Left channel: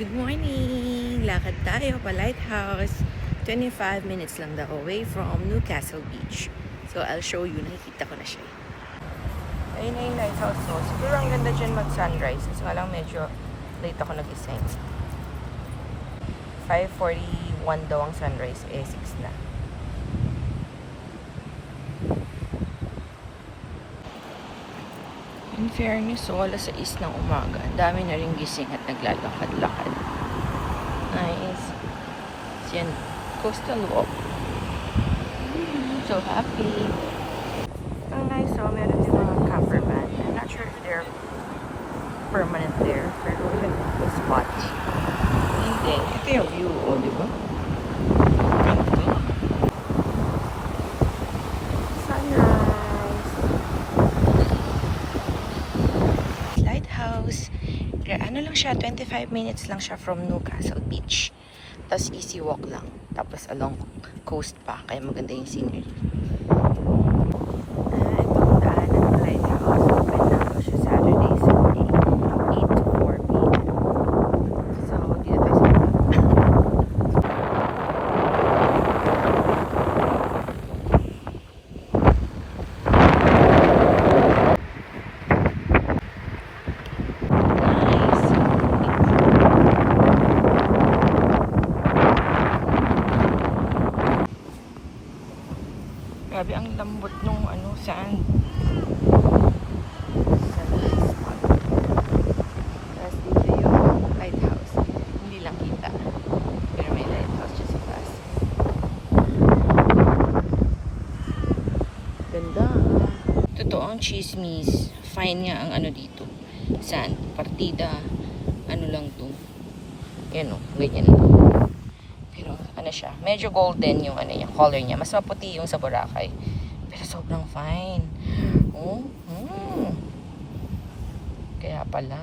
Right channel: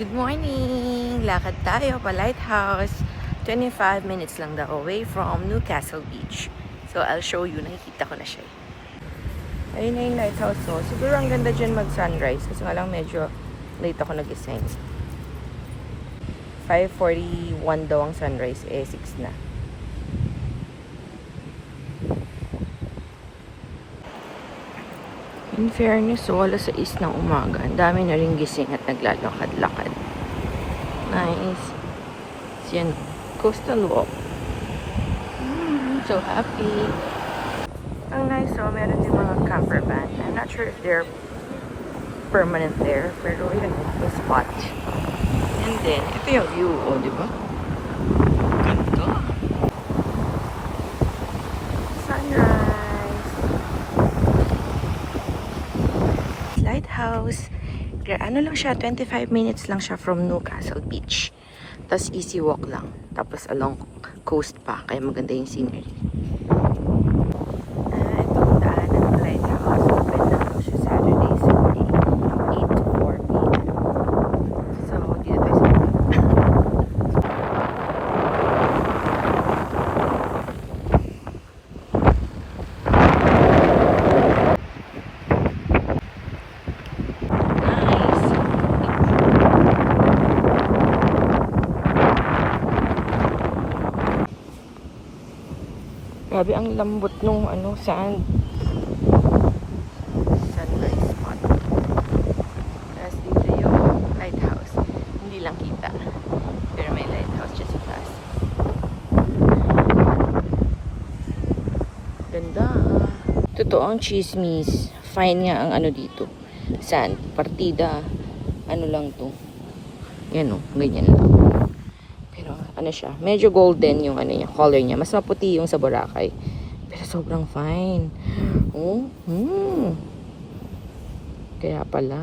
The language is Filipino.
Good morning! Lakad tayo pa Lighthouse. 25 minutes lang daw away from Newcastle Beach. So, I'll show you. Nakikita ko na siya. Ayun na yung lighthouse. So, siguro ang ganda dyan mag-sunrise. Kasi nga lang medyo late ako nag-ising. 5:41 daw ang sunrise. 6 na. In fairness, so alas 6 ng umaga. Ang dami na rin gising at naglalakad-lakad. Nice. Yan. Coastal walk. So happy. Ang nice, so meron din mga camper van. I'm not sure if they're permanent there. Pero yun, may spot din. And then, ito yung view. O, di ba? Ganda. Sunrise. Lighthouse. Ano lang siya, 25 minutes lang siya from Newcastle Beach. Tapos easy walk lang. Tapos along coast pa. Kaya maganda yung scenery. Ito ang daan ng lighthouse. Open na lang siya Saturday, Sunday, 8 to 4 p.m. So, dito tayo sa grabe ang lambot nung sand. Tapos dito yung lighthouse. Hindi lang kita. Pero may lighthouse just sa taas. Ganda. Totoo ang chismis. Fine nga ang dito. Sand. Partida. Ano lang to. Yan o. Ganyan. Siya. Medyo golden yung color niya. Mas maputi yung sa Boracay. Pero sobrang fine. Oh, Kaya pala.